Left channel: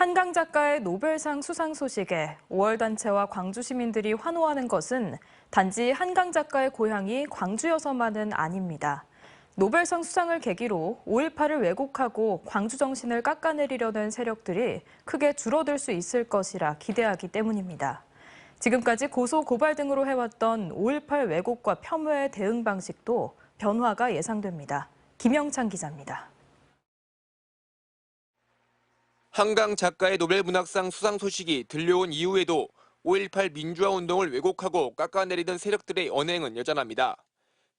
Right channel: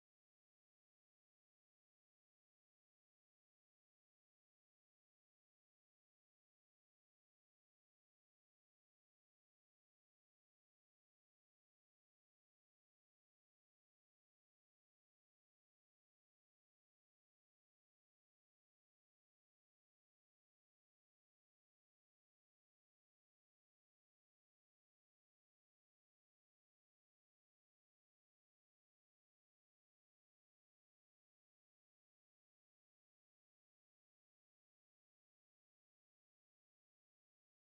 한강 작가의 노벨상 수상 소식에 5월 단체와 광주 시민들이 환호하는 것은 단지 한강 작가의 고향이 광주여서만은 아닙니다. 노벨상 수상을 계기로 5.18을 왜곡하고 광주 정신을 깎아내리려는 세력들이 크게 줄어들 수 있을 것이라 기대하기 때문입니다. 지금까지 고소, 고발 등으로 해왔던 5.18 왜곡과 폄훼의 대응 방식도 변화가 예상됩니다. 김영찬 기자입니다. 한강 작가의 노벨문학상 수상 소식이 들려온 이후에도 5.18 민주화운동을 왜곡하고 깎아내리던 세력들의 언행은 여전합니다.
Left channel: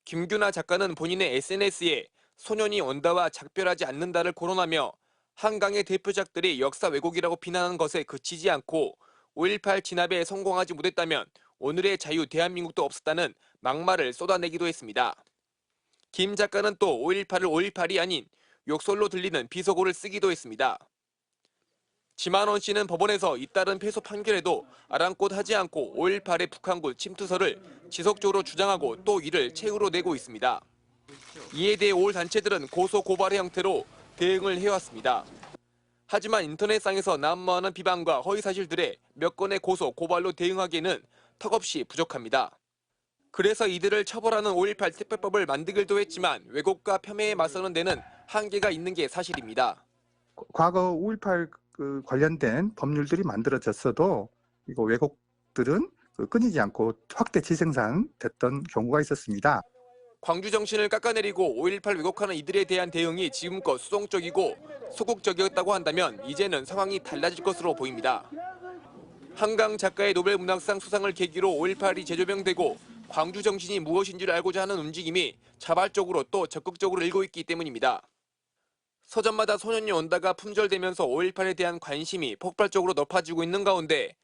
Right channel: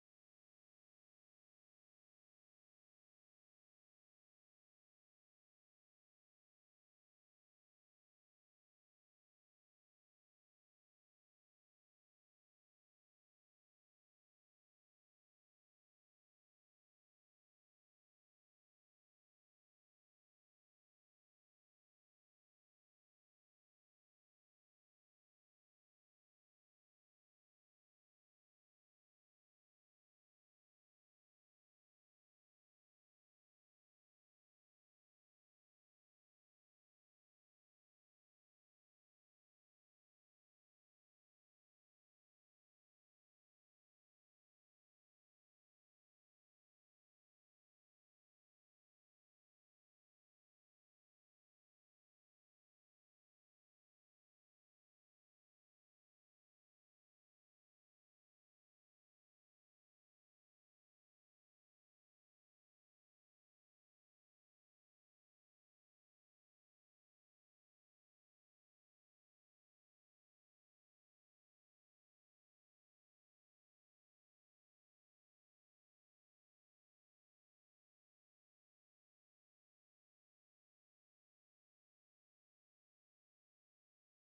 김규나 작가는 본인의 SNS에 소년이 온다와 작별하지 않는다를 거론하며 한강의 대표작들이 역사 왜곡이라고 비난하는 것에 그치지 않고 5.18 진압에 성공하지 못했다면 오늘의 자유 대한민국도 없었다는 막말을 쏟아내기도 했습니다. 김 작가는 또 5.18을 5.18이 아닌 욕설로 들리는 비속어를 쓰기도 했습니다. 지만원 씨는 법원에서 잇따른 패소 판결에도 아랑곳하지 않고 5.18의 북한군 침투설을 지속적으로 주장하고 또 이를 책으로 내고 있습니다. 이에 대해 5월 단체들은 고소 고발의 형태로 대응을 해왔습니다. 하지만 인터넷상에서 난무하는 비방과 허위사실들에 몇 건의 고소 고발로 대응하기에는 턱없이 부족합니다. 그래서 이들을 처벌하는 5.18 특별법을 만들기도 했지만 왜곡과 폄훼에 맞서는 데는 한계가 있는 게 사실입니다. 과거 5.18 관련된 법률들이 만들어졌어도 이거 왜곡들은 끊이지 않고 확대 재생산됐던 경우가 있었습니다. 광주 정신을 깎아내리고 5.18 왜곡하는 이들에 대한 대응이 지금껏 수동적이고 소극적이었다고 한다면 이제는 상황이 달라질 것으로 보입니다. 한강 작가의 노벨문학상 수상을 계기로 5.18이 재조명되고 광주 정신이 무엇인지를 알고자 하는 움직임이 자발적으로 또 적극적으로 일고 있기 때문입니다. 서점마다 소년이 온다가 품절되면서 5.18에 대한 관심이 폭발적으로 높아지고 있는 가운데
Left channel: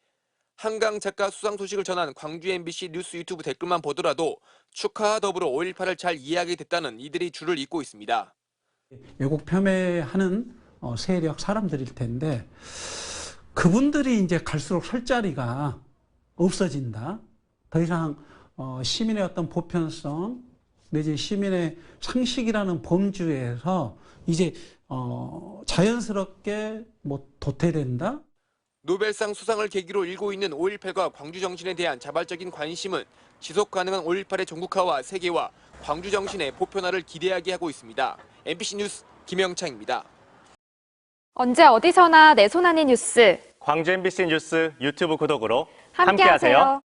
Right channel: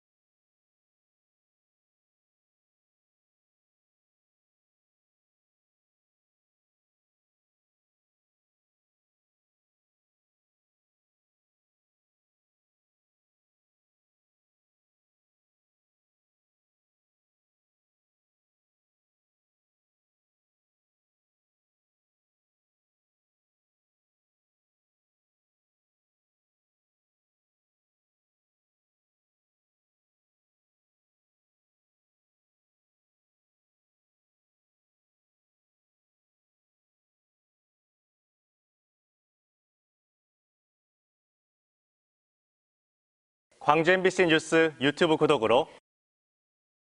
한강 작가 수상 소식을 전한 광주 MBC 뉴스 유튜브 댓글만 보더라도 축하와 더불어 5.18을 잘 이해하게 됐다는 이들이 줄을 잇고 있습니다. 왜곡 폄훼하는 세력 사람들일 텐데 그분들이 이제 갈수록 설 자리가 없어진다. 더 이상 시민의 어떤 보편성 내지 시민의 상식이라는 범주에서 이제 자연스럽게 도태된다. 노벨상 수상을 계기로 일고 있는 5.18과 광주 정신에 대한 자발적인 관심은 지속 가능한 5.18의 전국화와 세계화, 광주 정신의 보편화를 기대하게 하고 있습니다. MBC 뉴스 김영창입니다. 언제 어디서나 내 손 안의 뉴스. 광주 MBC 뉴스 유튜브 구독으로 함께하세요.